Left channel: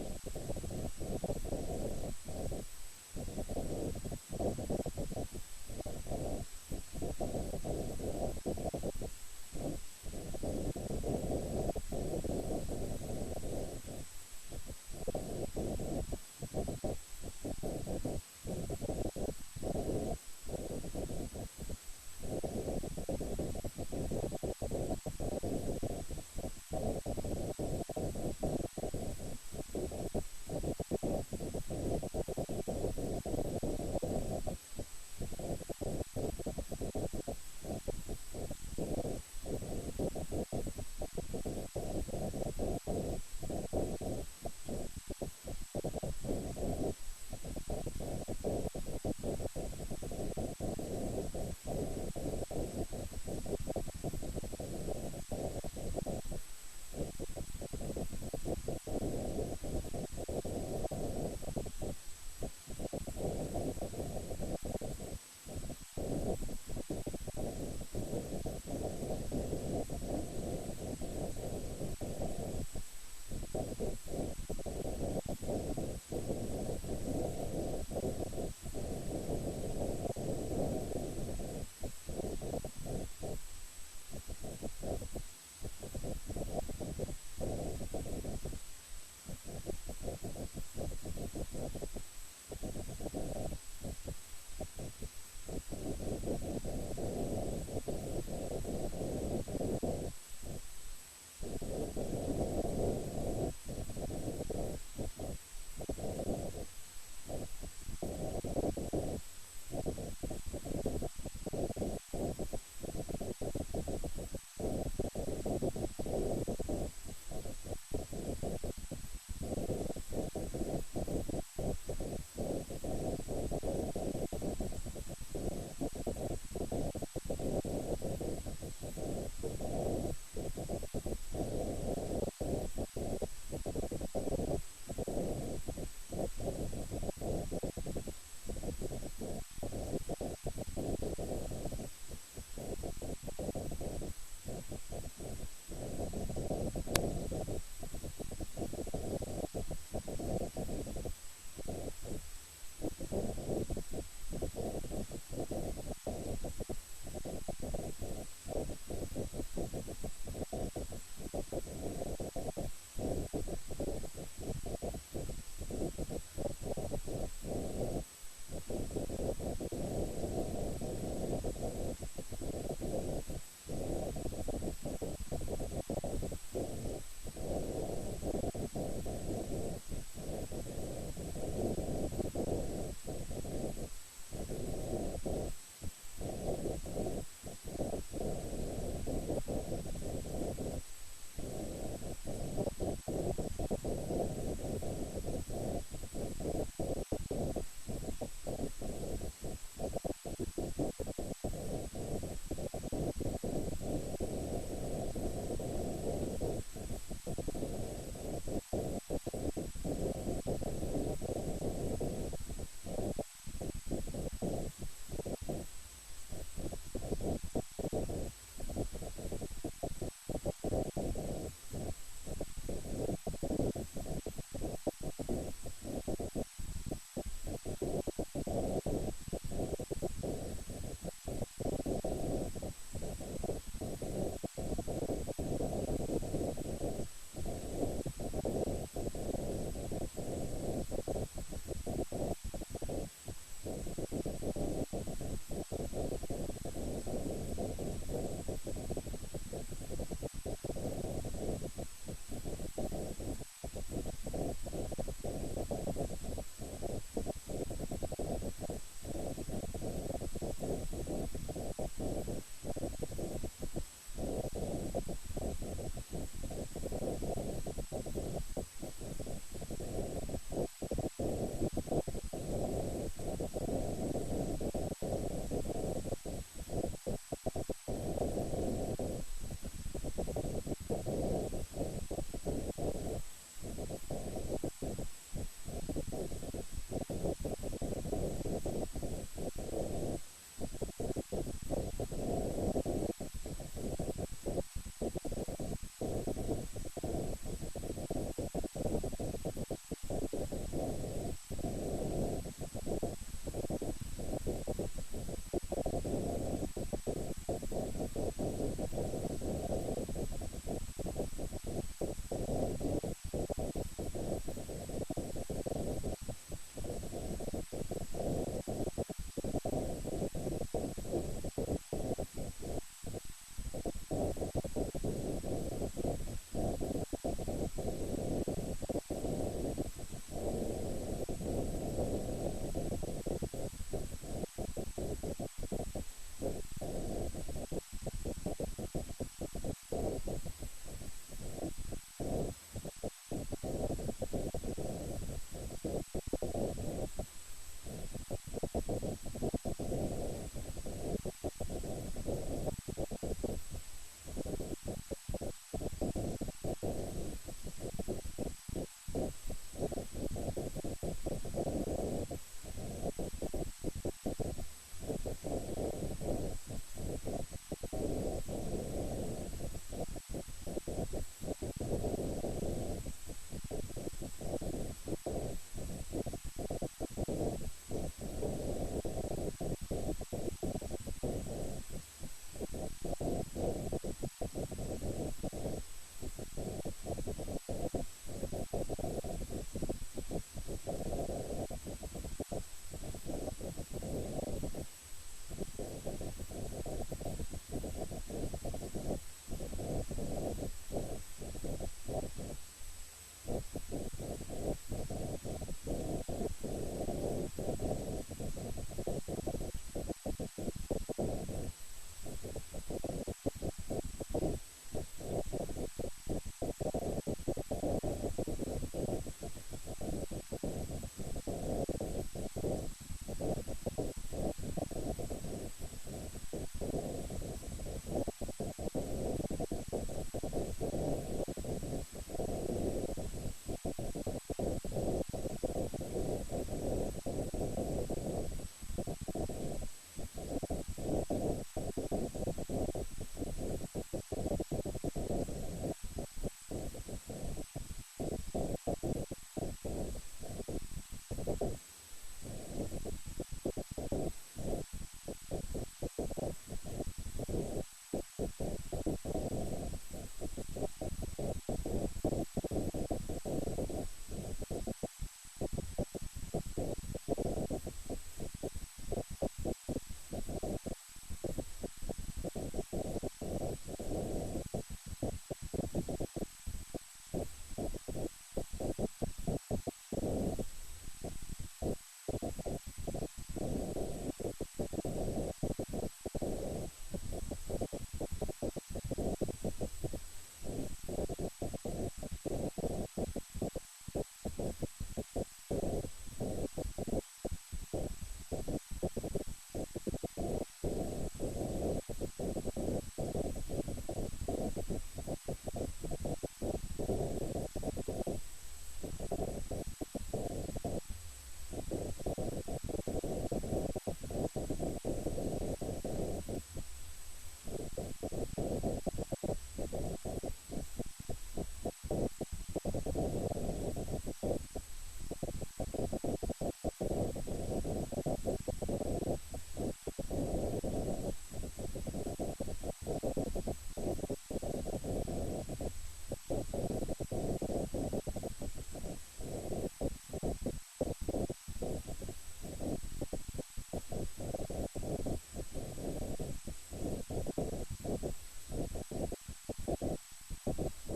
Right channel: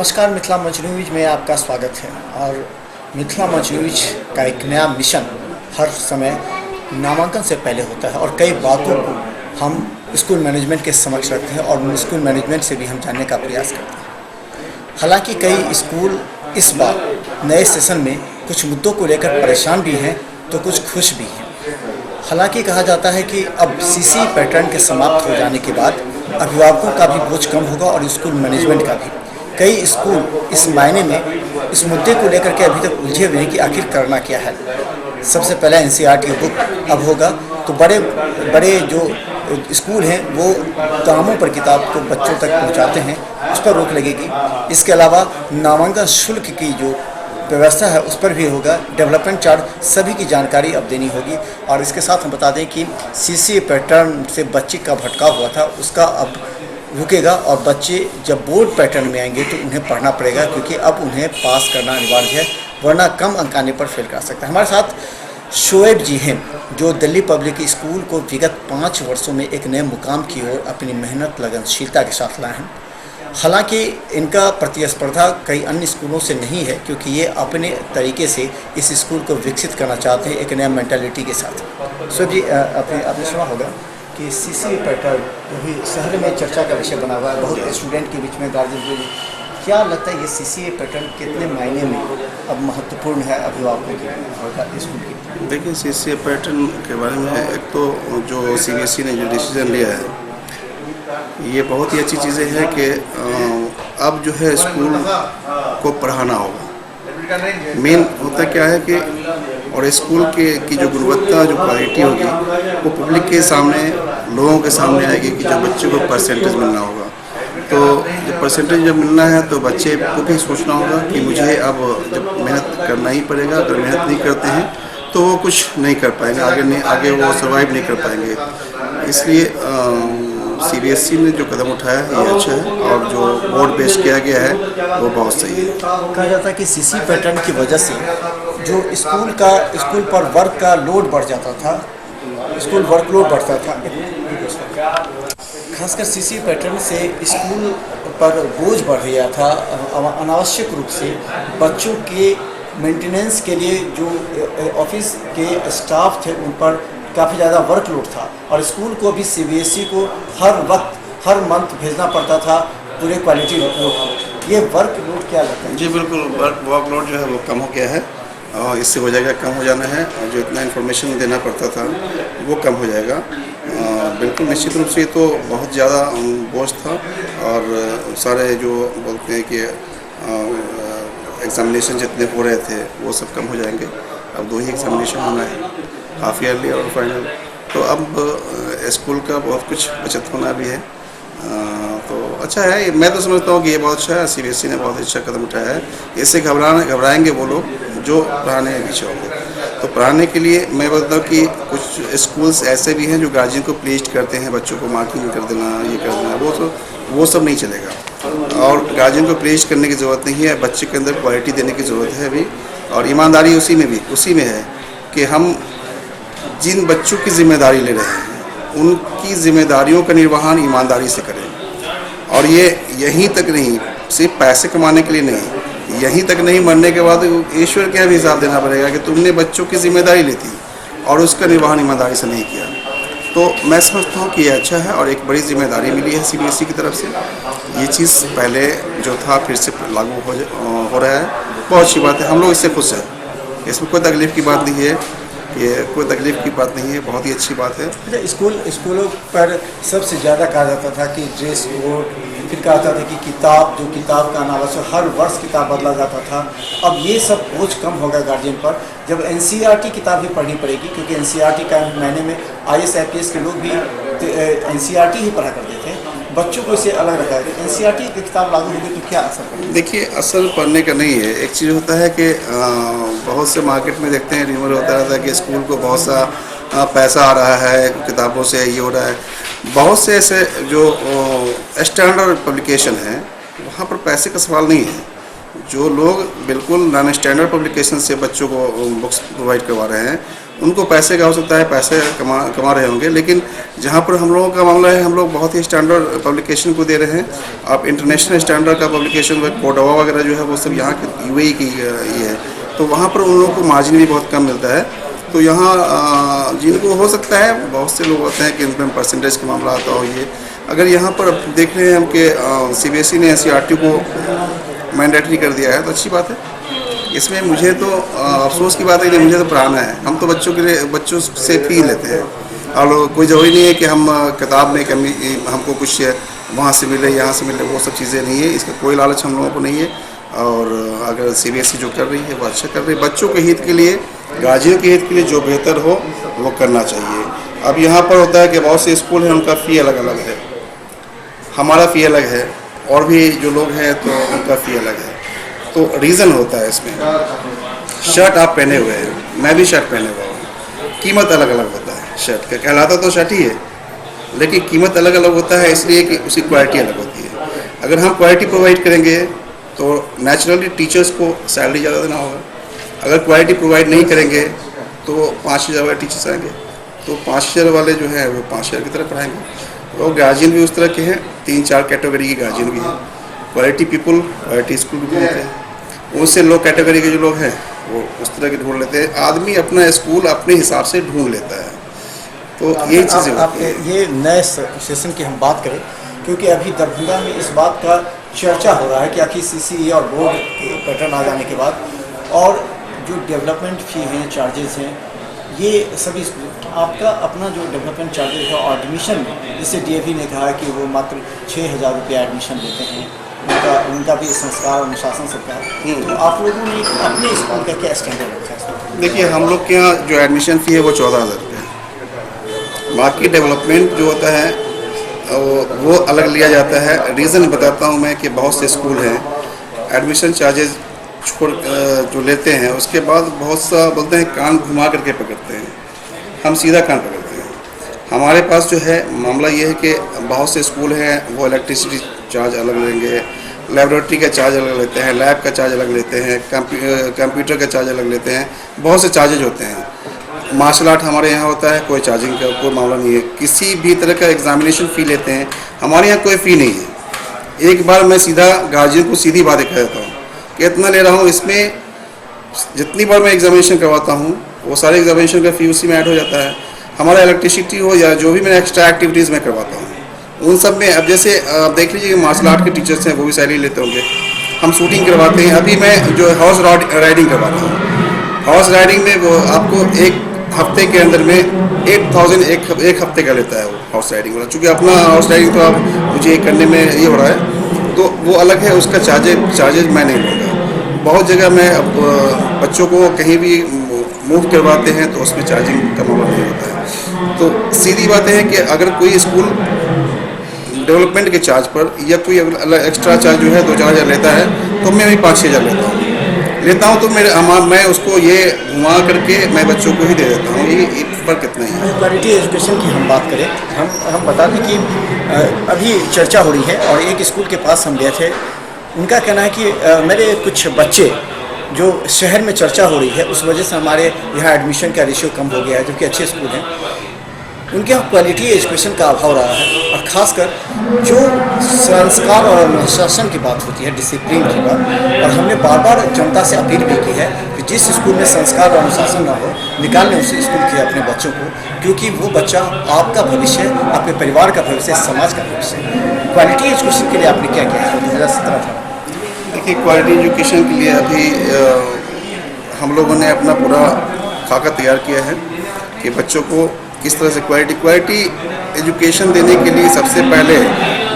नमस्कार, मिथिला मंच न्यूज में आपका स्वागत है। और मिथिला मंच न्यूज का एक नया मिशन हर समय नामांकन से पहले होता है और कई बातों को हम स्कूल मैनेजमेंट के समक्ष रखते हैं और स्कूल मैनेजमेंट से भी हम जानने का प्रयास करते हैं। हालांकि कई स्कूल इस बार नए सेशन में कुछ मुद्दों को लेकर परेशान भी हैं तो कुछ खुश भी हैं। हालांकि कहा जाता है कि अब सीसी पैटर्न के समाप्त हो जाने के बाद अभिभावकों का भी बोझ कम होगा और स्कूल मैनेजमेंट का भी। कई स्कूल इस मायने में इस मुद्दे को लेकर के अभी तक उलझे हुए हैं कि आखिर करना क्या है। सबसे पहले एनसीईआरटी बुक अब होगा तो बड़े बड़े जो स्कूल हैं वो दामों पर किताब को बच्चों तक पहुंचाते हैं, उस पर रोक लगेगी। इसके अलावा नामांकन शुल्क की जो व्यवस्था है उस पर भी होगा। डेवलपमेंट चार्ज सभी की जानकारी अब देनी होगी। और इसके साथ हम बता दें कि सीसी पैटर्न से बच्चे का भटकाव हुआ था उसका अब रुकेगा और बच्चे जब बोर्ड पैटर्न में आएंगे तो उन्हें पढ़ना पड़ेगा, क्योंकि अब उन्हें पास करना अनिवार्य है, वरना कम अंक आने पर फेल कर सकता है। हमारे साथ शोएब जी हैं जो दिल्ली पब्लिक स्कूल को विगत 5 वर्षों में एक नए मुकाम की ओर अपनी मेहनत लगनशीलता के साथ लाए हैं। हालांकि इनका प्रतिस्पर्धा कई अन्य स्कूलों से नहीं है, क्योंकि ये अपने तरीके से इस स्कूल को विकसित करना चाहते हैं एक नया मेंटालिटी के साथ। शोएब जी, आपने सुना होगा कि सीसी पैटर्न भी शहर में चर्चा का विषय बना हुआ है, बहुत स्टूडेंट के बीच में, गार्जियन के बीच। क्या लगता है ये सीसी पैटर्न कितने मायने में अब महत्वपूर्ण है अभिभावकों के स्कूल की? देखिए, सीसी पैटर्न के बारे में एक तो जो सीबीएसई ने जो डिसीजन लिया है ये बहुत ही अच्छी चीज़ें हैं कि अब जो है स्कूल को पढ़ाना होगा। मेन होता क्या है कि और स्कूल की जो गुणवत्ता, जो क्वालिटी होगी वो पब्लिक के सामने, लोगों के सामने आएगी कि जब बच्चे को परसेंटेज मिलना होगा। तो जब परसेंटेज जब मिलना है तो बच्चे को भी सोचना होगा कि मुझे अब जब मेहनत करना ही पड़ेगा। अगर मेहनत नहीं करते हैं तो वो कुछ नहीं कर पाएंगे, आगे वो सर्वाइव नहीं कर पाएंगे। इसलिए सीबीएसई ने जो कदम उठाया है ये अच्छा है और जो बोर्ड पेश किया गया है वो बहुत सही है। कहा जाता है कि सीसी पैटर्न की वजह से जो स्कूल पर वर्क का लोड बढ़ जाता था, स्कूल वर्कलोड बढ़ता था। खासकर सीसी पैटर्न से स्कूल पर बोझ बढ़ गया था। अनावश्यक रूप से बच्चों के मेंटेनेंस के लिए जो ऑफिस के स्टाफ थे उन पर काफ़ी ज़्यादा वर्कलोड था और स्कूल को भी सीबीएसई को हर वक्त हर मंथ भेजना पड़ता था पूरे क्वालिटी रिपोर्ट। ये वर्कलोड क्या लगता है? जी बिल्कुल, वर्कलोड जो है वो कम हो गया है और इससे हो जाएगा, कम हो जाना है। और जो इतना इन्फॉर्मेशन देना पड़ता था वो कम हो जाएगा। बिल्कुल निश्चित रूप से तो बहुत ज़्यादा बोझ था और सारे जो बोलते हैं कि एग्जामिनेशन जितने हो रहे थे वो सब कम हो जाएंगे। अब 2 ही एग्जामिनेशन होना है, हाफ ईयरली और फाइनल। तो अब स्कूल का बहुत कुछ बचत होना भी है। तो अच्छा है, मैं तो समझता हूँ कि ये बहुत अच्छा है। सीबीएसई ने बहुत अच्छा कदम उठाया है। इससे घबराएंगे वो लोग जो पढ़ाने में पीछे होंगे। तो पढ़ाने के लिए मैं बोलता हूँ कि कुछ स्कूल्स ऐसे भी हैं जो गार्जियन को प्लीज करते हैं, बच्चों को मार्किंग कर देना, ये कर देना, वो सब नहीं चलेगा। और गार्जियन को प्लीज करने की ज़रूरत नहीं है, बच्चे के अंदर क्वालिटी देने की ज़रूरत है अभी। और ईमानदारी उसी में है कि हम जिन बच्चों की जिम्मेदारी ले रहे हैं उनकी जिम्मेदारियों का निर्वहन ईमानदारी से करें। और ये यहीं तक नहीं, सिर्फ पैसे कमाने के लिए नहीं, यहीं तक नहीं, मरने के बाद ईश्वर के भी हिसाब देना पड़ेगा कि तुमने बच्चों की जिम्मेदारी ली थी और उसका निर्वहन ईमानदारी से नहीं किया। तो मैं समझता हूँ कि ये अच्छा है और एक बड़ी जिम्मेदारी मिली है सीबीएसई की तरफ से। ये चीज़ पहले जो था फिर से लागू हो रहा है, बहुत अच्छी बात है। हम लोग इससे खुश हैं, इसमें कोई तकलीफ़ की बात नहीं है, ये कोई तकलीफ की बात नहीं है, बहुत ही अच्छी बात है। स्कूलों पर सबसे ज़्यादा कहा जाता था कि ड्रेस कोड, फिर कहा जाता था कि किताब का अनावश्यक हर वर्ष किताब बदला जाता था। अब ये सब बोझ कम होगा गार्जियन पर जब एनसीईआरटी किताब भी पढ़नी पड़ेगी, क्योंकि एनसीईआरटी का महीने में आईएएस आईपीएस के लोग भी एनसीईआरटी ही पढ़ा करते थे, बच्चों को इसे अलग रखा है। एनसीईआरटी की किताब लागू होगी तो क्या असर पड़ेगा? देखिए, असर पढ़ने का नहीं है। एक चीज़ होता है कि बहुत से मार्केट में देखते हैं, रिमर होता रहता है कि स्कूल को बहुत सा पैसा आ रहा है किताबों से, ये हो रहा है। बहुत से ऐसे जो स्टैंडर्ड पब्लिकेशन हैं वहाँ पर पैसे का सवाल नहीं है। जो लोग बिल्कुल नॉन स्टैंडर्ड पब्लिकेशन से बच्चों को बुक्स प्रोवाइड करवा रहे हैं, उनको पैसे का हो सकता है, पैसे कमा रहे होंगे, लेकिन जहाँ पर हम लोगों का मामला है, हम लोग बहुत ही स्टैंडर्ड पब्लिकेशन को दे रहे हैं। आप इंटरनेशनल स्टैंडर्ड का पब्लिकेशन कोडावा वगैरह जो है वो सब यहाँ की यूएई की ये है, तो वहाँ पर उन लोगों को मार्जिन भी बहुत कम मिलता है। तो यहाँ जिनको हो सकता है, बहुत से लोग होते हैं कि इनमें परसेंटेज का मामला आता हो, ये अगर यहाँ पर देख रहे हैं हम कि CBSE ने NCERT को मैंडेटरी कर दिया है तो अच्छी बात है। इसमें मुझे तो अफसोस की बात है कि मुझे तो पढ़ाना है, हम तो बच्चों के लिए बच्चों से फी लेते हैं और कोई ज़रूरी नहीं है कि हम किताब में कमी हमको कुछ वहाँ से मिले यहाँ से मिले, वो सब चीज़ें नहीं है, इसका कोई लालच हम लोगों को नहीं है। और अगर CBSE जो कर रही है वो अच्छा कर रही है, बच्चों के हित के लिए, गार्जियन के हित के लिए जो बेहतर हो वो करना चाहिए। अब यहाँ पर होता है कि बहुत से स्कूल हैं उनका फ़ी अलग अलग है, हमारा फ़ी अलग है, और भी जो लोग हैं तो उनका फ़ी अलग है। तो रीज़न होता है इसमें, शर्ट आप पहने हुए हैं, मैं भी शर्ट पहने हुआ हूँ, कीमत अलग अलग होता है शर्ट का, कहलाता तो शर्ट ही है लेकिन कीमत अलग अलग होता है, इसलिए कि उसकी क्वालिटी अलग होती है। अगर हम क्वालिटी प्रोवाइड करेंगे तो नेचुरली टीचर्स को सैलरी ज़्यादा देना होगा। अगर क्वालिटी प्रोवाइड नहीं करेंगे तो 5,000 वाले टीचर्स आएंगे, तो 5,000 वाले जो है वो 5,000 की तरह पढ़ाएंगे। और गार्जियन भी उस तरह के हैं, 3-4 कैटेगरी के गार्जियन भी हैं, क्वालिटी पीपल, क्वालिटी स्कूल भी बोलते हैं, उनसे लो कैटेगरी के जो लोग हैं वो उस तरह के ढूंढ लेते हैं। आदमी अपना स्कूल अपने हिसाब से ढूंढ लेता है, तो ये चीज़ें होती हैं। ये नए सेशन की हम बात करें, क्योंकि अभी दरभंगा में इस बात का चर्चा हो रहा है कि आखिर CCE और बोर्ड के पैटर्न आ जाने के बाद और जो डेवलपमेंट फ़ी हैं, चार्जेस हैं, ये सभी आपका अपना जो डेवलपमेंट चार्जेस है और एडमिशन में, जिससे DAV ने कहा है कि वो मात्र 6,000 रुपया एडमिशन लेते हैं, उनका भी संस्कार अनुशासन सबका है, तो आप लोगों ने अपने स्कूल का क्या स्टैंडर्ड रखा है? देखिए, हम लोग के यहाँ जो एडमिशन फ़ी है वो 14,000 रुपये है। बाकी डेवलपमेंट जो होता है वो अलग लिया जाता है। रीज़न बताता हूँ मैं कि बहुत से स्कूल हैं एडमिशन चार्जेस छोड़ जो लेते हैं, उसके बाद बहुत सा बोलते हैं कान घुमा करके पकड़ते हैं, हम सीधा कान पकड़ते हैं। हमारे पास जो है मामला ये है कि बहुत से स्कूल हैं वो इलेक्ट्रिसिटी चार्ज अलग लेंगे, लेबोरेटरी का चार्ज अलग लेते हैं, लैब का चार्ज अलग लेते हैं, कंप्यूटर का चार्ज अलग लेते हैं, बहुत से चार्जेज होते हैं। मार्शल आर्ट हमारे यहाँ होता है, कोई चार्जिंग का कोई मामला नहीं है। किसी भी तरह का एग्जामिनेशन फ़ी लेते हैं, हमारे यहाँ कोई फ़ी नहीं है। एक बार मैं सीधा गार्जियन को सीधी बात कह देता हूँ कि इतना ले रहा हूँ, इसमें जितनी बार मैं एग्जामिनेशन करवाता हूँ वो सारे एग्जामिनेशन का फ़ी उसी में ऐड हो जाता है। हमारा इलेक्ट्रिसिटी हो या जो भी मैं एक्स्ट्रा एक्टिविटीज़ में करवाता हूँ उन सब में, अब जैसे आप देख लीजिए मार्शल आर्ट के टीचर्स हैं वो भी सैलरी लेते होंगे, हम शूटिंग करवाते हैं। अभी मैं जो हॉर्स राइडिंग करवाता हूँ, हॉर्स राइडिंग में वो आपको एक हफ्ते के अंदर में 8,000 एक हफ्ते का लेता है वो हॉर्स राइडिंग वाला। चूँकि अपना हॉर्स राइडिंग तो अब मुझे करने में ये हो रहा है तो वो अलग है, उसका चार्जेज मैं नहीं लूँगा। बहुत जगह मैं अब बच्चों को कहीं भी मूव करवाते हैं तो उसमें चार्जिंग का मामला नहीं होता है। तो सीधी बात है कि अगर कोई स्कूल डेवलपमेंट के चार्ज पर या कोई एक्स्ट्रा चार्ज जो है 2-4 हज़ार लेता है तो मैं भी 5-6 हज़ार लेता हूँ तो मैं उसको ये घुमा करके मैं बच्चों को ही दे देता हूँ। ये फ़र्क कितना ही है। क्वालिटी एजुकेशन की हम बात करें, हम बता दें कि अभी चर्चा हो रही है और एक स्कूल के पास हम गए थे, उनका कहना है कि मेरे कुछ बच्चे जो शहर में चर्चा हो रही है उस वजह से हमारे यहाँ एडमिशन का रेशियो कम हो गया है, जो कि अच्छे स्कूल हैं, उनके यहाँ क्वालिटी एजुकेशन का अभाव रहा है। और ख़ासकर जो संस्कार और अनुशासन की बात होती है, डिसिप्लिन की बात, और हमने बार बार जनता से अपील भी की है कि जिस स्कूल में संस्कार और अनुशासन ना हो, निकालने उस स्कूल के अपने बच्चों को, क्योंकि वो बच्चा आपका भविष्य, आपके परिवार का भविष्य, समाज का भविष्य। क्वालिटी एजुकेशन के लिए आपने क्या किया है? मेरा 17 था। देखिए, क्वालिटी एजुकेशन के लिए अभी हम लोगों ने अपना पूरा खाका तैयार किया है कि बच्चों को किस तरह से क्वालिटी एजुकेशन देने के लिए सबसे पहले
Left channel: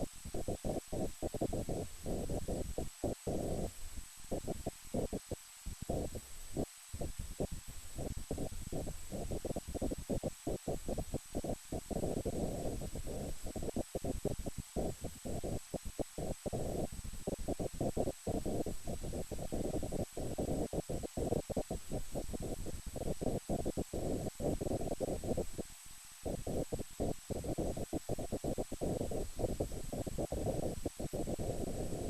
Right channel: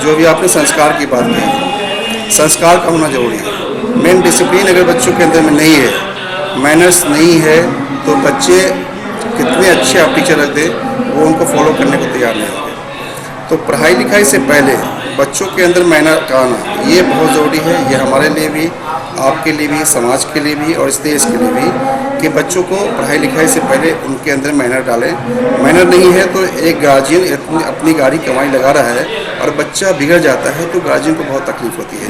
जो भी आपने संस्कार की बात की, संस्कार का होना ज़रूरी है। मेन डिसिप्लिन अगर बच्चों के अंदर में नहीं है, मैनर्स नहीं है, तो बच्चे कितने अच्छे आप टीचर रख दें वो उनको फॉलो करने को तैयार नहीं होंगे। तो पढ़ाई लिखाई से पहले बच्चों के अंदर मैनर का आना ये बहुत ज़रूरी है। ये हमारे लिए भी, आपके लिए भी, समाज के लिए भी और इस देश के लिए भी, कि बच्चों को पढ़ाई लिखाई से पहले उनके अंदर मैनर डालें। मैनर नहीं है तो एक गार्जियन अपनी गाड़ी कमाई लगा रहा है और बच्चा बिगड़ जाता है तो गार्जियन को बहुत तकलीफ होती है।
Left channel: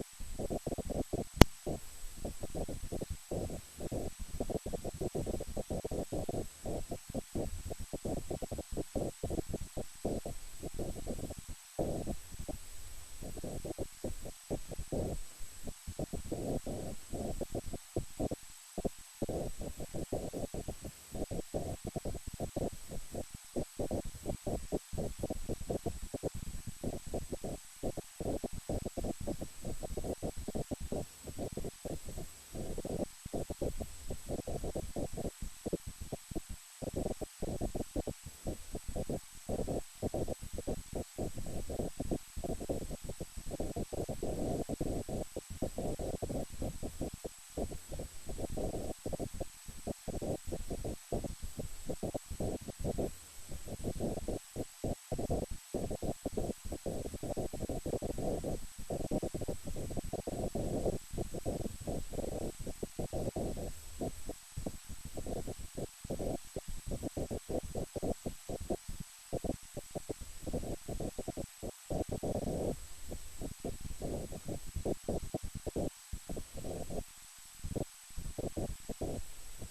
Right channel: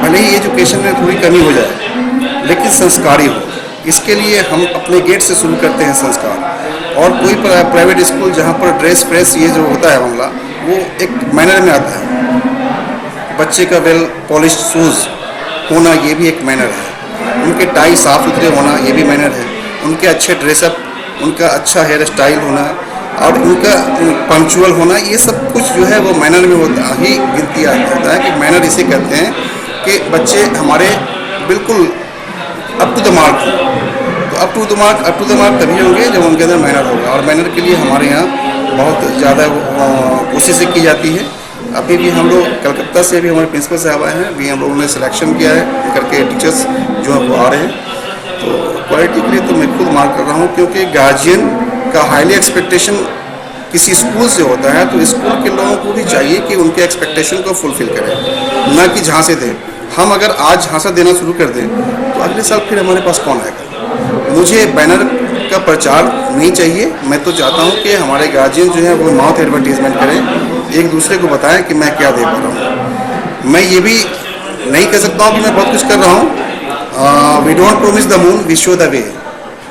भले ही एजुकेशन में थोड़ी कमी हो जाए लेकिन संस्कारी हो, इसके लिए हम अपने गेट से शुरू करते हैं संस्कार। और कोई प्राइवेट स्कूल जहाँ पर ड्रेस फ्रेस ये जो होता है मामला, वो एक मैनर में आता है। बच्चे का वेल पॉलिश शूज़ होना ये भी एक मैनर है, उनके टाई साफ सुथरे होना ये भी मैनर है, उनके अच्छे ड्रेसअप, उनका अच्छा हेयर स्टाइल होना और उनका पंक्चुअल होना, ये सब कुछ जो है वो मैनर में होता ही गिनती आता है। कि मैनर इसे कहते हैं कि बच्चे हमारे बिल्कुल अप टू द मार्क हो। तो अप टू द मार्क तभी होंगे जब उनके अंदर मैनर होगा। और मैनर के लिए हमारे यहाँ बहुत ज़्यादा कोशिशें की जाती है। अभी भी हम लोग कलकत्ता से भी हमारे प्रिंसिपल साहब आए हैं, अभी हम लोगों ने सिलेक्शन किया है करके टीचर्स जो है वो आ रहे हैं। तो क्वालिटी के लिए तो मैं खुद मार्क कर रहा हूँ, क्योंकि गार्जियन का हाईली एक्सपेक्टेशन किसी स्कूल से होता है तो स्कूल के लोगों को भी चाहिए कि उनके एक्सपेक्टेशन को फुलफिल करें, ना कि झांसे दें। हम अगर आज झांसा देना शुरू कर दें तो अगले साल फिर हमारे पास कौन आएगा। मुझे बैनर का प्रचार नहीं चाहिए। मैं तो चाहता हूँ कि हमारे गार्जियन जो है वो माउथ एडवर्टीजमेंट करें, एक दूसरे को बताएं कि मैं क्या दे पा रहा हूँ। मैं ये भी नहीं कह सकता हूँ कि मैं बहुत कुछ कर रहा हूँ। We don't promise the moon, we show the way.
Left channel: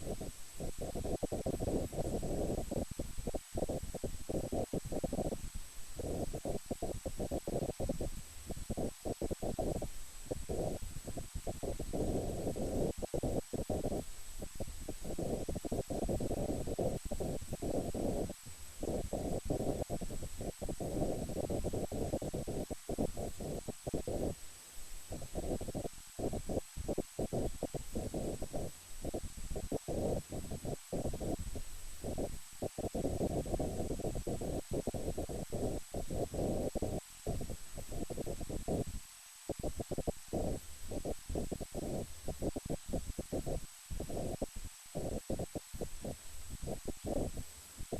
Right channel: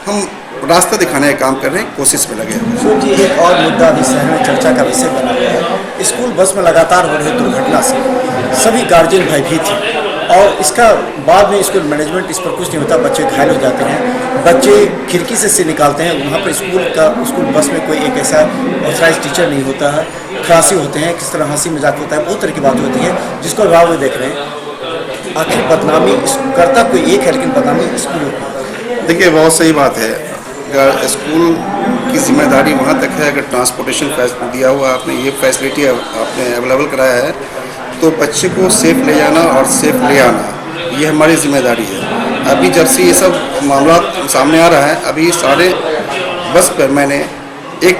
हम रास्ता दिखाने का काम कर रहे हैं, कोशिश में लगे हैं। सो जी, एक और मुद्दा अभी शहर में चर्चा का विषय बना हुआ है। स्कूल बस में लगातार हो रही दुर्घटना से सभी गार्जियन भयभीत हैं और इसका बाद में स्कूल मैनेजमेंट इस पर कुछ नहीं होता। बच्चे घायल हो जाते हैं, बच्चे खिड़की से निकालते हैं। वहाँ पर स्कूल बस में कोई एक ऐसा ऑथराइज टीचर नहीं होता है, खलासी होते हैं, किस तरह हंसी मजाक होता है, बहुत तरह की बात होती है जिसको अभाव में देख रहे हैं। आखिर बदनामी करता कोई एक है लेकिन बदनामी स्कूल। देखिए, बहुत सही बात है। अगर स्कूल की जिम्मेदारी वहाँ तक है, अगर ट्रांसपोर्टेशन दिया हुआ आपने, ये फैसिलिटी आपने अवेलेबल कराया है, तो बच्चे को सेफ ले जाना और सेफ ले आना ये हमारी जिम्मेदारी है। अभी जब से ये सब मामला सामने आ रहा है, अभी सारे बस पर मैंने एक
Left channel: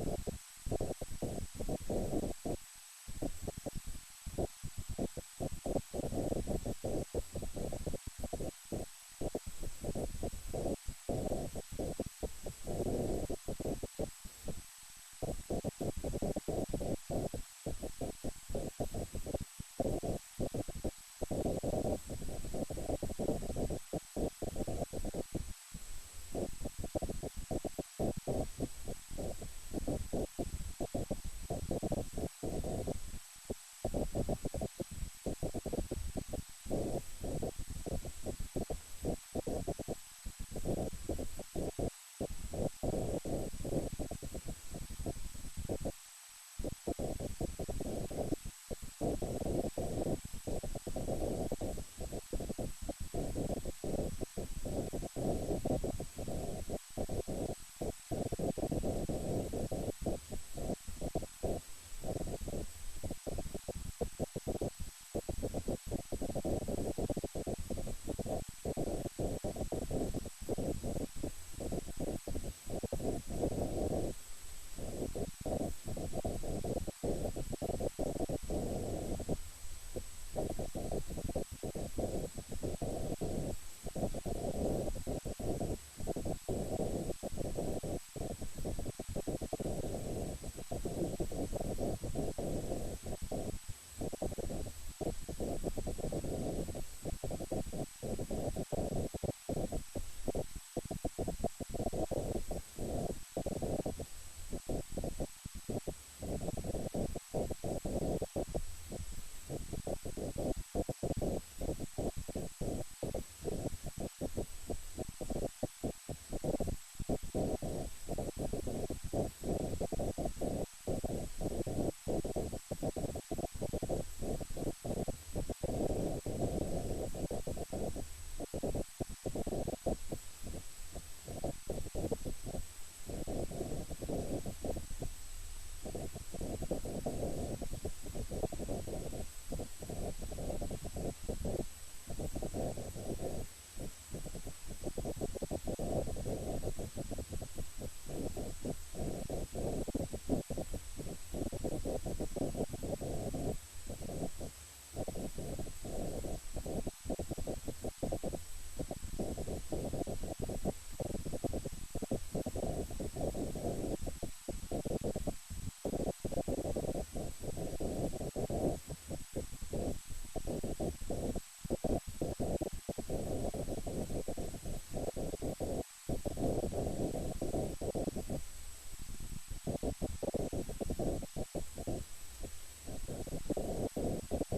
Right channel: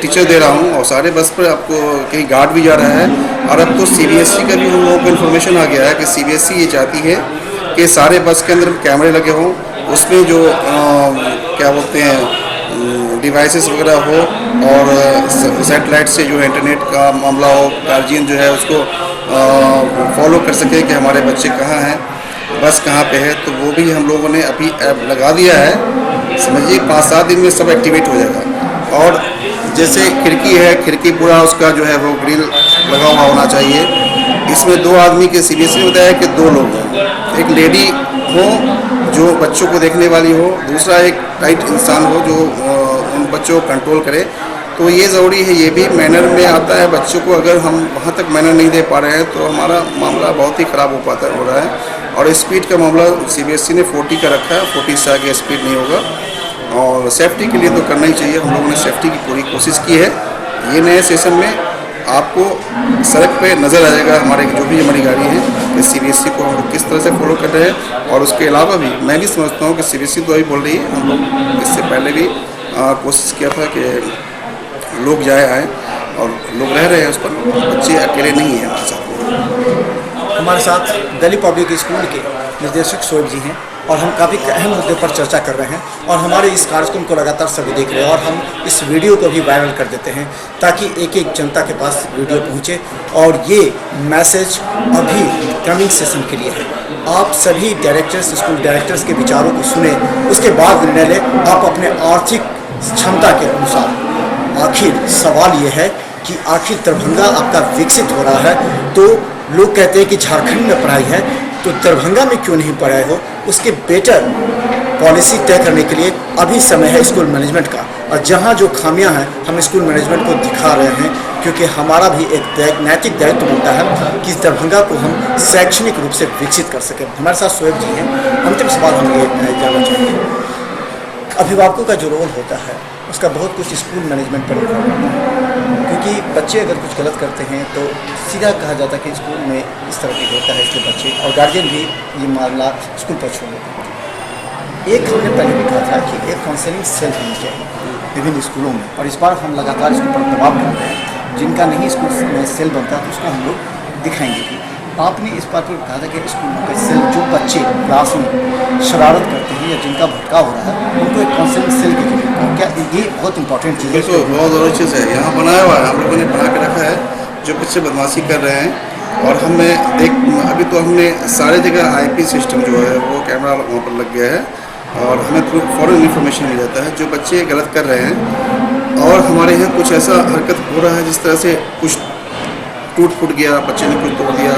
टीचर दे रहा हूँ और सारे बस पर आपको कहीं गार्ड भी जा रहा है। और अब तो CBSE का भी हम लोगों को इन्फॉर्मेशन आ गया है कि CBSE ये चाहती है कि सारे बस के अंदर कैमरे लगे हों, उसमें जो क्या बोलते हैं डिवाइसेस वगैरह हो और सैटेलाइट से जो इंटरनेट का मामला हो, गार्जियन जो है उसको फॉलो कर सके कि हमारे बच्चे कहाँ हैं, बस कहाँ पे है। तो वो भी हम लोगों ने अभी ऐप लगा दिया है। समझिए 5-7 दिन में सब एक्टिवेट हो जाएगा। और जैसे खिड़की है, खिड़की पूरा उसका जो है वो ग्रिल लगा हुआ होना चाहिए। इसमें 2 आदमी के CBSE ने बताया कि 2 लोग हों, एक लेडी हो जो बच्चों को देखने वाली हो, दूसरा एक राइट इंसान हो जो उन बच्चों को कंट्रोल करे। तो ये ज़रूरी है, ये भी मैनर में आता है। बच्चों को अगर हम वहाँ तक मैनर नहीं दे पा रहे हैं तो हमारा मामला बहुत ही ख़राब हो रहा है। और स्पीड का मामला CBSE ने 40 का रखा है, 40 से आगे स्पीड नहीं होगा। और सेफ्टी के लिए तो करना ही चाहिए, हम लोगों ने सेफ्टी की पूरी कोशिश की है। ये नए सेशन में आपको सड़क पे नज़र आ जाएगा जो भी हमारी गाड़ी है कि CBSE को हम लोग किस तरह से फॉलो कर रहे हैं। और उसके अलावा भी मैं भी समझता हूँ कि CBSE तो अभी बोल रही है, हम लोग इससे पहले भी कोशिश किया था कि लोग आए और लोग रह रहे हैं उस पर, बच्चे अकेले नहीं हैं हमारे साथ। हमारे साथ दिल्ली पब्लिक स्कूल के निर्देशक शोएब जी हैं और हम काफ़ी अहम मुद्दे पर चर्चा कर रहे हैं और हमारे इस कार्यक्रम को लगातार सभी देख रहे हैं और हम इस वीडियो को भी वायरल कर देते हैं ताकि एक एक जनता के पास वीडियो पहुंचे। और ये मैसेज अभी कमिंग सेशन के लिए है। आप सभी डायरेक्टर्स, स्कूल डायरेक्टर्स के विचारों को सुने, उसके बाद निर्णय लें आप अपने आर्थिक क्षमता के अनुसार। आखिर सवाल ये है कि आखिर दरभंगा आपका विकसित हो रहा है तो लोग कहते हैं कि झारखंड में पढ़ाई है, तो दरभंगा में क्यों नहीं पढ़ाए हो? उसके बेटर पॉलिसी तय करने के लिए अभी समय है स्कूल मैनेजमेंट का। और जहां जो खामियां हैं हम स्कूल मैनेजमेंट को दिखा रहे हैं, क्योंकि हमारा भी एक नैतिक दायित्व बनता है कि दरभंगा को हम शैक्षणिक रूप से विकसित कर सकें। हमारे साथ शोएब जी हैं। अंतिम सवाल हम ये जानना चाहेंगे, अभिभावकों का जो रोल होता है उसका बहुत कुछ स्कूल मैनेजमेंट पर निर्भर करता है, क्योंकि बच्चे अगर कुछ गलत करते हैं तो सीधा कहा जाता है कि स्कूल में इस तरह की होता है, इसलिए बच्चे और गार्जियन भी ये मामला स्कूल पर छोड़ देते हैं। एक हमने पहले भी कहा था कि एक काउंसलिंग सेल होनी चाहिए विभिन्न स्कूलों में, और इस बार हम लगातार इसके ऊपर दबाव कर रहे हैं। जिनका नहीं स्कूल में सेल बनता तो उसको हम लोग दिखाएंगे भी। आपने इस बात पर कहा था कि स्कूलों के सेल जो बच्चे क्लास में शरारत करते हैं या जिनका भटकाव हो रहा है उनको एक काउंसलिंग सेल की जरूरत है। क्या ये बहुत इंपॉर्टेंट चीज़ है? तो बहुत ज़रूरी चीज़ है, यहाँ बनाया हुआ है, हम लोगों ने बना के रखा है। जो बच्चे बदमाशी कर रहे हैं और हमें अभी तो हमने सारे जगह IP सिस्टम जो है वो कैमरा वहाँ पर लग गया है और हमें फ़ौरन इन्फॉर्मेशन मिल जाता है जो बच्चे गलत कर रहे हैं। और हमारे यहाँ कुछ ऐसा हरकत हो रहा है जिस तरह से कुछ टूट फूट गया, बच्चे ने कुछ तोड़ दिया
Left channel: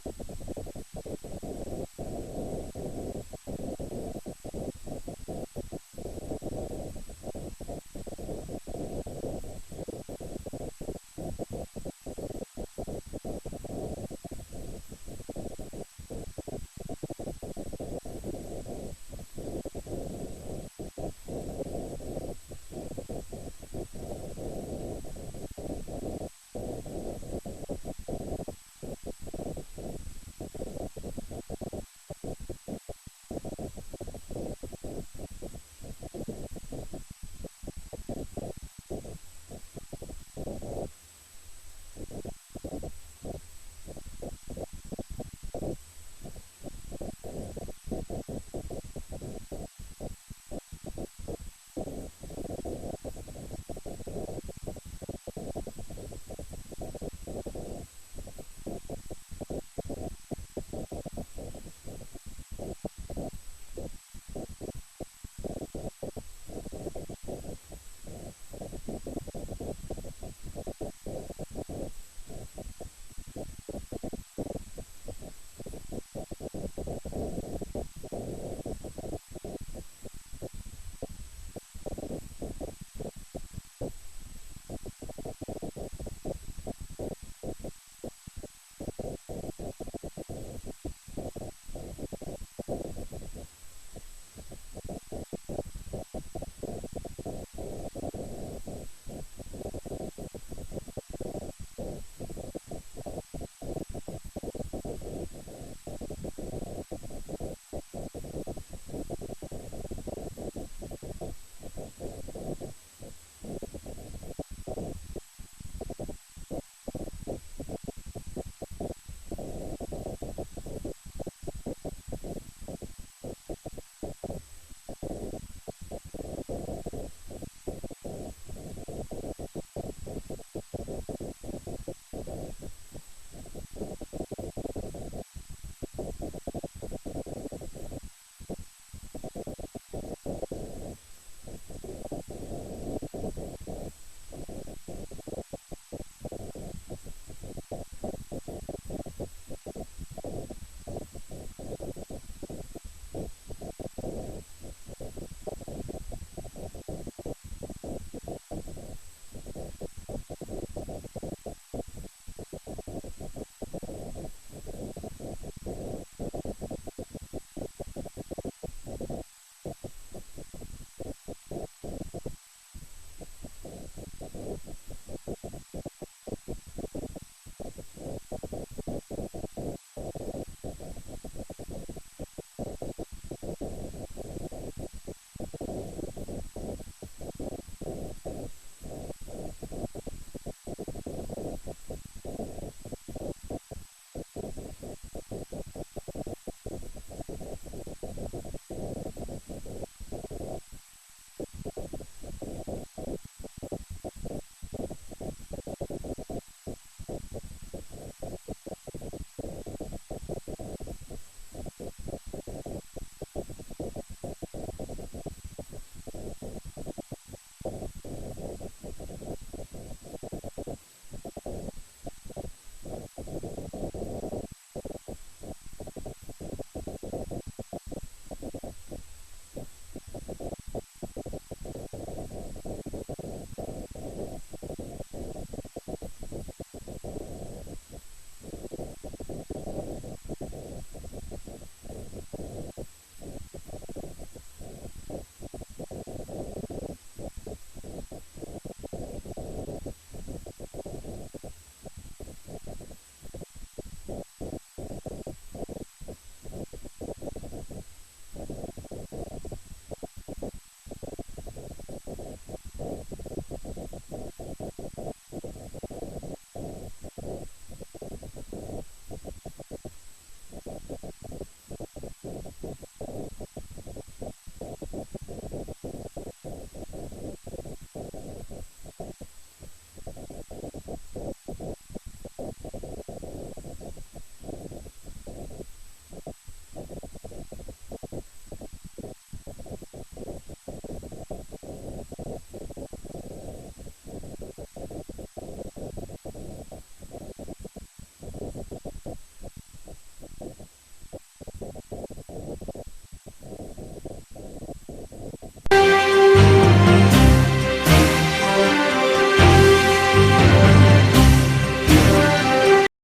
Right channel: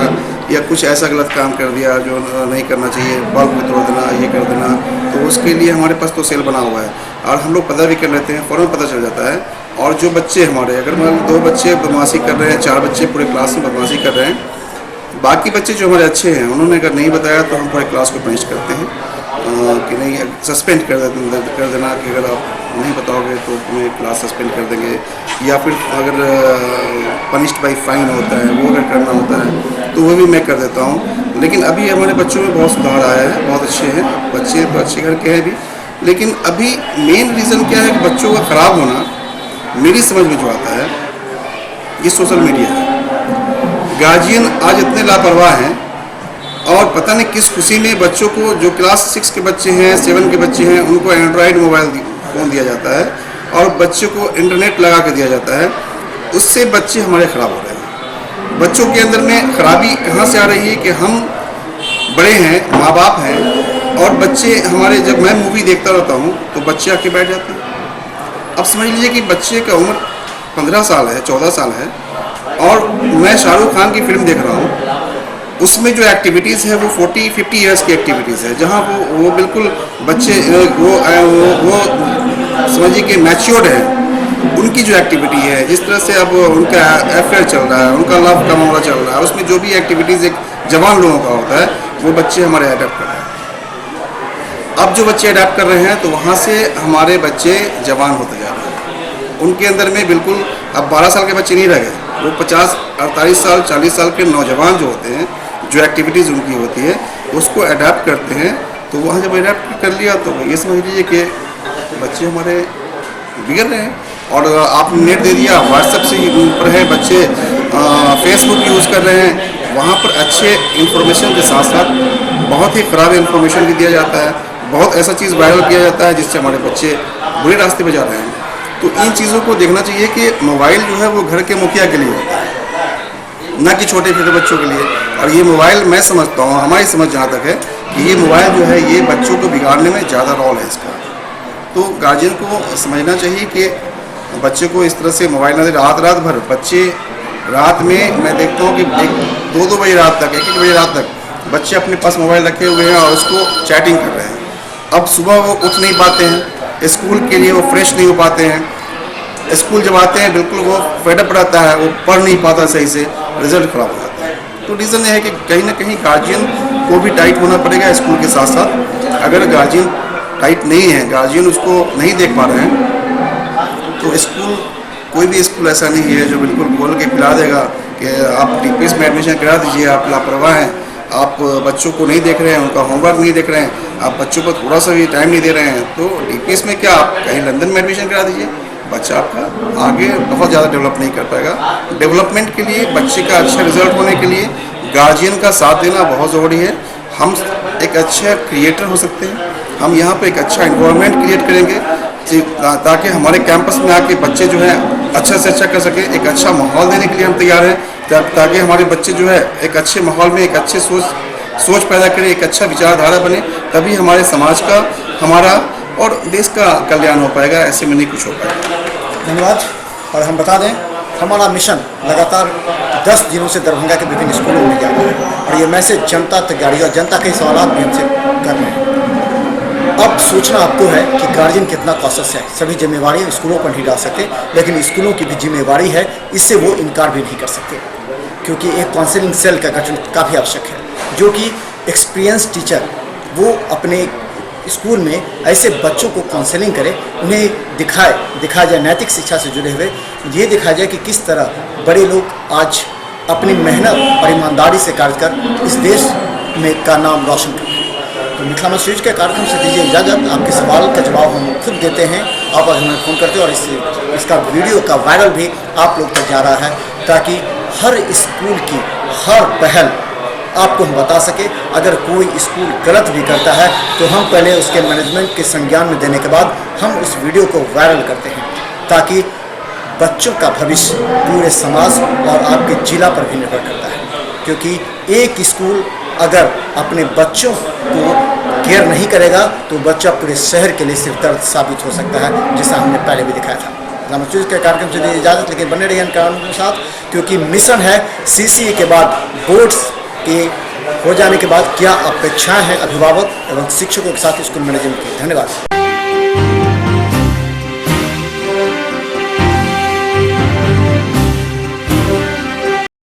या कुछ ऐसा गलत काम कर दिया जो नहीं करना चाहिए, बल्ब भी तोड़ देना, ये कर देना, तो उसके लिए हमारे पास तो सेल बना हुआ है और हम लोग पता भी कर लेते हैं, फ़ौरन पता चल जाता है। और जो बच्चे हमारे, अगर मान 2 बच्चे बदमाशी कर रहे हैं, 4 बच्चे पूरे क्लास में बदमाशी कर रहे हैं, बाकी बच्चे जो हमारे अच्छे हैं उन्होंने अगर नहीं बताया तो हम पूरे क्लास को पनिश करते हैं कि नहीं, सस्पेंड कर देना कि अगर आप नहीं बताओगे तो तुम्हें क्लास सस्पेंड कर देंगे, या फिर अगर पनिश्ड बाई फाइन होता है वो अगर करना होता है तो वो भी मैं कर देता हूँ। लेकिन अभी हमारे बच्चों में बहुत सुधार आया है, बहुत अच्छे हैं बच्चे, तो अच्छे घर के हैं भी। लेकिन अभी मेन रीज़न क्या है कि बच्चों का ख़राब होना मेरी समझ में जो आता है ये सोशल मीडिया है। गार्जियन आज इतने लापरवाह हैं और पता नहीं किस खुशी में बच्चों को, जो क्लास 6 के बच्चे हैं, 7 के बच्चे हैं, उनको एंड्रॉयड मोबाइल फ़ोन दिया जाता है और बच्चे को इंटरनेट लगा के दिया जाता है। उससे बच्चे हमारे ख़राब हो रहे हैं। बच्चों के अंदर में खराबी कहाँ से आ रही है कि हम बड़े हैं, माँ बाप हैं और बच्चे हमारे, जब मैं मूवी देखता रहता हूँ तो बच्चे आके बैठ जाते हैं। अब समझ लीजिए कि बच्चे का उम्र 15 साल है, 14 साल है और मैं शाहरुख खान की फिल्म देख रहा हूँ, उसमें जो एक्टिविटीज़ है वो 40-50 ईयर्स की एक्टिविटीज़ है, जहाँ वो बिल्कुल बच्चे वो समझिए कि मैच्योर्ड है। उनकी जो एक्टिविटी है, जिस तरह से अब उनका अफेयर चल रहा है, उनका लव का मामला चल रहा है, उसमें जो भी एक्टिविटीज़ एक जवान लोगों का होता है वो बच्चे हमारे अडेप्ट कर रहे हैं। अब जो बच्चे अडेप्ट कर रहे हैं तो वहाँ से हमारे बच्चे जवान होते जा रहे हैं। उनके अंदर में बिल्कुल अब 12 साल के बच्चे नहीं रह गए, वो 50, 48 साल, 40 साल के नौजवान जो होते हैं, जो एक्टिविटीज़ उनकी होती है उसको अडेप्ट करते हैं। तो वहाँ जब अडेप्ट कर लिया तो ये समझ लीजिए कि बच्चे हमारे बिगड़ रहे हैं। और आपने नेट दे दिया, व्हाट्सएप से ऊपर है, बच्चे फेसबुक यूज़ कर रहे हैं, वहाँ पर अच्छे इन्फॉर्मेशन के साथ साथ बहुत ही ख़राब इन्फॉर्मेशन भी दिया जाता है, बहुत ऐसा चीज़ वायरल किया जाता है जिससे हमारे बच्चे बुरे रास्ते पर जा रहे हैं। तो इन चीज़ों को देखना चाहिए कि मोबाइल जो है वो घर के मुखिया के लिए होता है, ना कि छोटे छोटे बच्चों के लिए। और ये मोबाइल, मैं समझता हूँ, हमारी समझ जहाँ तक है कि ये मोबाइल जो है ये बच्चों को बिगाड़ने में ज़्यादा रोल है इसका। तो गार्जियन को समझना चाहिए कि बच्चे को इस तरह से मोबाइल ना दे। रात भर बच्चे, रात में मैं देखता हूँ कि 2-2 बजे रात तक, 1-1 बजे रात तक बच्चे अपने पास मोबाइल रखे हुए हैं और उसको चैटिंग कर रहे हैं। अब सुबह वो उठ नहीं पाते हैं, स्कूल के लिए वो फ्रेश नहीं हो पाते हैं, स्कूल जब आते हैं बिल्कुल वो फेडअप रहता है, वो पढ़ नहीं पाता सही से, रिजल्ट ख़राब हो जाता है। तो रीज़न ये है कि कहीं ना कहीं गार्जियन को भी टाइट होना पड़ेगा स्कूल के साथ साथ। अगर गार्जियन टाइट नहीं है, गार्जियन उसको नहीं देख पा रहे हैं, तो स्कूल, कोई भी स्कूल ऐसा नहीं है जो बिल्कुल बोल के पिला देगा कि आप TPS में एडमिशन करा दीजिए, आप लापरवाह हैं, आप बच्चों को नहीं देख रहे हैं, उनका होमवर्क नहीं देख रहे हैं, आप बच्चों को थोड़ा सा भी टाइम नहीं दे रहे हैं। तो TPS में क्या, आप कहीं लंदन में एडमिशन करा दीजिए, बच्चा आपका आगे बहुत ज़्यादा डेवलप नहीं कर पाएगा। डेवलपमेंट के लिए, बच्चे का अच्छा रिजल्ट होने के लिए गार्जियन का साथ देना बहुत ज़रूरी है। हम एक अच्छा क्रिएटर हो सकते हैं, हम यहाँ पे एक अच्छा इन्वायरमेंट क्रिएट करेंगे ताकि हमारे कैंपस में आके बच्चे जो है अच्छा से अच्छा कर सके। एक अच्छा माहौल देने के लिए हम तैयार हैं ताकि हमारे बच्चे जो है एक अच्छे माहौल में एक अच्छे सोच पैदा करें, एक अच्छा विचारधारा बने, तभी हमारे समाज का, हमारा और देश का कल्याण हो पाएगा। ऐसे में नहीं कुछ हो पाएगा। धन्यवाद। और हम बता दें, हमारा मिशन लगातार 10 दिनों से दरभंगा के विभिन्न स्कूलों में जा रहा है और ये मैसेज जनता तक जा रही है और जनता के सवाल भी हमसे कर रहे हैं। अब सोचना आपको है कि गार्जियन कितना कॉशस है। सभी जिम्मेवारी स्कूलों पर नहीं डाल सकते, लेकिन स्कूलों की भी जिम्मेवारी है, इससे वो इनकार भी नहीं कर सकते, क्योंकि एक काउंसलिंग सेल का गठन काफ़ी आवश्यक है, जो कि एक्सपीरियंस टीचर वो अपने स्कूल में ऐसे बच्चों को काउंसलिंग करे, उन्हें दिखाया जाए नैतिक शिक्षा से जुड़े हुए, ये दिखाया जाए कि किस तरह बड़े लोग आज अपनी मेहनत और ईमानदारी से कार्य कर इस देश में का नाम रोशन करते हैं। तो मिथिला मंच न्यूज़ के कार्यक्रम से दीजिए इजाज़त। आपके सवाल का जवाब हम खुद देते हैं, आप आज हमें फ़ोन करते हैं और इसका वीडियो का वायरल भी आप लोग तक जा रहा है, ताकि हर स्कूल की हर पहल आपको हम बता सके। अगर कोई स्कूल गलत भी करता है तो हम पहले उसके मैनेजमेंट के संज्ञान में देने के बाद हम उस वीडियो को वायरल करते हैं, ताकि बच्चों का भविष्य पूरे समाज और आपके जिला पर भी निर्भर करता है। क्योंकि एक स्कूल अगर अपने बच्चों को केयर नहीं करेगा तो बच्चा पूरे शहर के लिए सिर दर्द साबित हो सकता है, जैसा हमने पहले भी दिखाया था। रामचूज के कार्यक्रम से दी इजाज़त, लेकिन बने रहिए कार्यक्रम के साथ, क्योंकि मिशन है CCA के बाद बोर्ड्स के हो जाने के बाद क्या अपेक्षाएं हैं अभिभावक एवं शिक्षकों के साथ स्कूल मैनेजमेंट की। धन्यवाद।